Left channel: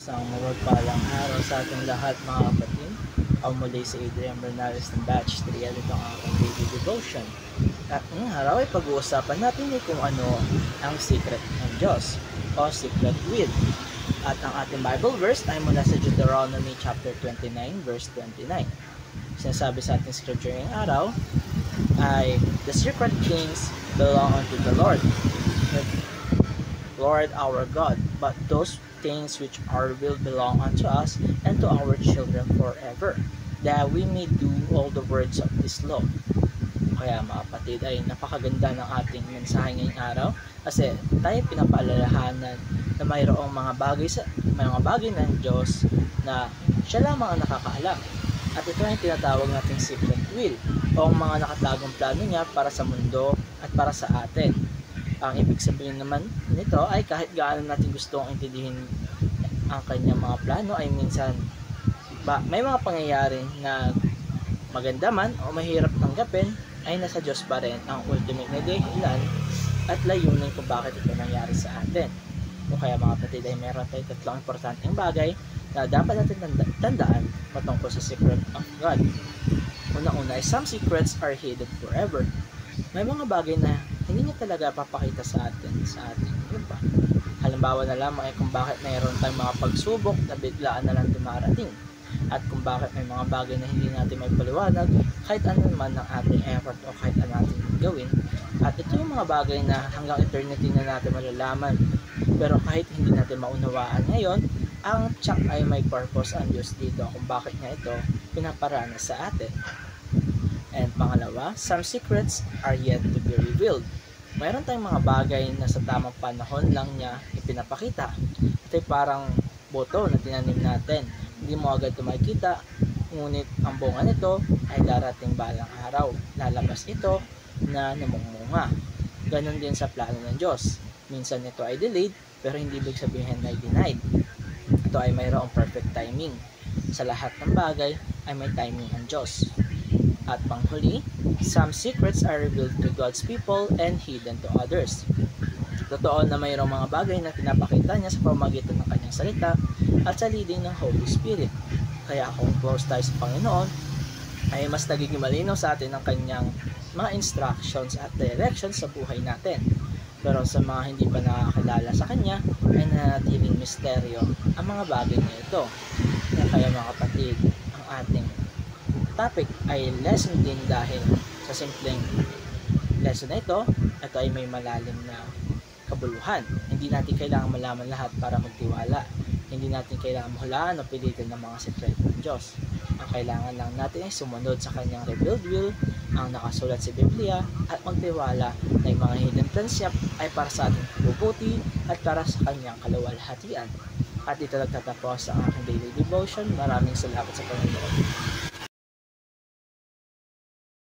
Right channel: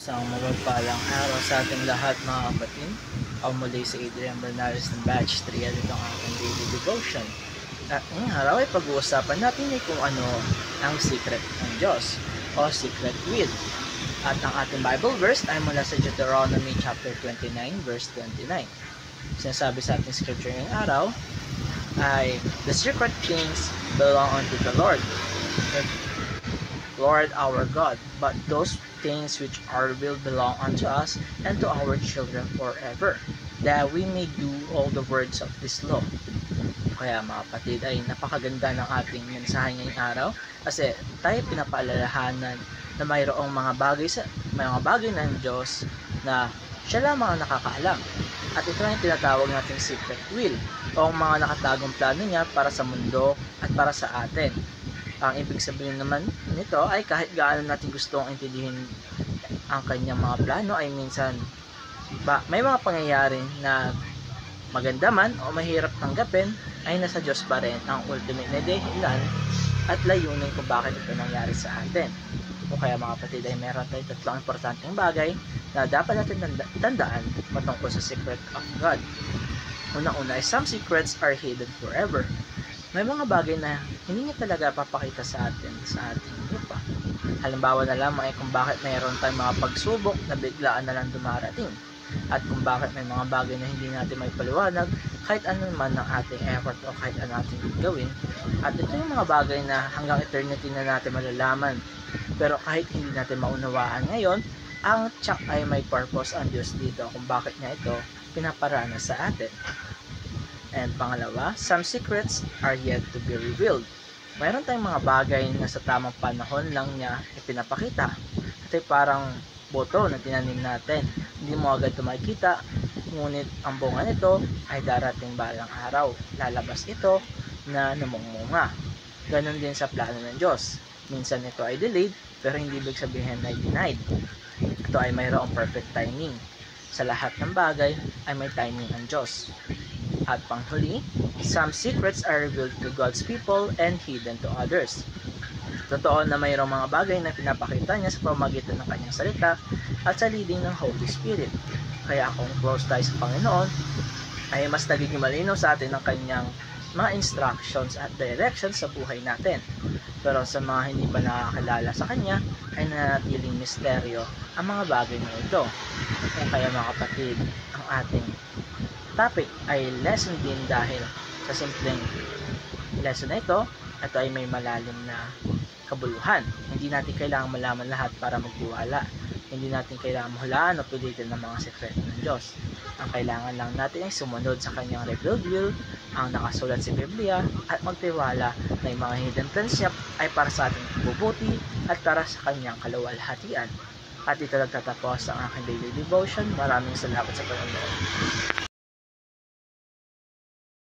Isang mapagpalang araw sa ating lahat mga kapatid. Ako muli si Adrian Bernales ng Batch 3 at ito ang aking daily devotion. At ngayong araw ay pag-uusapan natin kung ano ang secret ng Diyos o secret will. At ang ating Bible verse ay mula sa Deuteronomy chapter 29 verse 29. Sinasabi sa ating scripture ngayong araw ay the secret things belong unto the Lord our God, but those things which are will belong unto us and to our children forever, that we may do all the words of this law. Kaya mga kapatid, ay napakaganda ng ating mensahe ngayong araw kasi tayo pinapaalalahanan na mayroong mga bagay ng Diyos na siya lamang ang nakakaalam. At ito ay tinatawag nating secret will o mga nakatagong plano niya para sa mundo at para sa atin. Ang ibig sabihin naman nito ay kahit gaano natin gustong intindihin ang kanyang mga plano ay minsan may mga pangyayari na maganda man o mahirap tanggapin ay nasa Diyos pa rin ang ultimate na dahilan at layunin kung bakit ito nangyari sa atin. O kaya mga kapatid ay meron tayong tatlong importanteng bagay na dapat natin tandaan patungkol sa secret of God. Una-una ay some secrets are hidden forever. May mga bagay na hindi niya talaga papakita sa ating lupa. Halimbawa na lamang ay kung bakit mayroon tayong mga pagsubok na biglaan na lang dumarating. At kung bakit may mga bagay na hindi natin may paliwanag kahit ano man ang ating effort o kahit ano ating gawin. At ito yung mga bagay na hanggang eternity na natin malalaman. Pero kahit hindi natin maunawaan ngayon, ang tsak ay may purpose ang Diyos dito kung bakit niya ito pinaparana sa atin. And pangalawa, some secrets are yet to be revealed. Mayroon tayong mga bagay na sa tamang panahon lang niya ipinapakita. Ito ay parang boto na tinanim natin. Hindi mo agad ito makikita, ngunit ang bunga nito ay darating balang araw. Lalabas ito na namungmunga. Ganon din sa plano ng Diyos. Minsan ito ay delayed, pero hindi ibig sabihin na ay denied. Ito ay mayroong perfect timing. Sa lahat ng bagay ay may timing ang Diyos. At panghuli, some secrets are revealed to God's people and hidden to others. Totoo na mayroong mga bagay na pinapakita niya sa pamamagitan ng kanyang salita at sa leading ng Holy Spirit. Kaya kung close tayo sa Panginoon, ay mas nagiging malinaw sa atin ang kanyang mga instructions at directions sa buhay natin. Pero sa mga hindi pa nakakilala sa kanya, ay nanatiling misteryo ang mga bagay na ito. Kaya mga kapatid, ang ating topic ay lesson din dahil sa simpleng lesson na ito ay may malalim na kabuluhan. Hindi natin kailangan malaman lahat para magtiwala. Hindi natin kailangan mahulaan o pilitin ng mga sekreto ng Diyos. Ang kailangan lang natin ay sumunod sa kanyang revealed will, ang nakasulat sa Biblia, at magtiwala na yung mga hidden plans niya ay para sa ating kabubuti at para sa kanyang kaluwalhatian. At ito nagtatapos ang aking daily devotion. Maraming salamat sa panonood.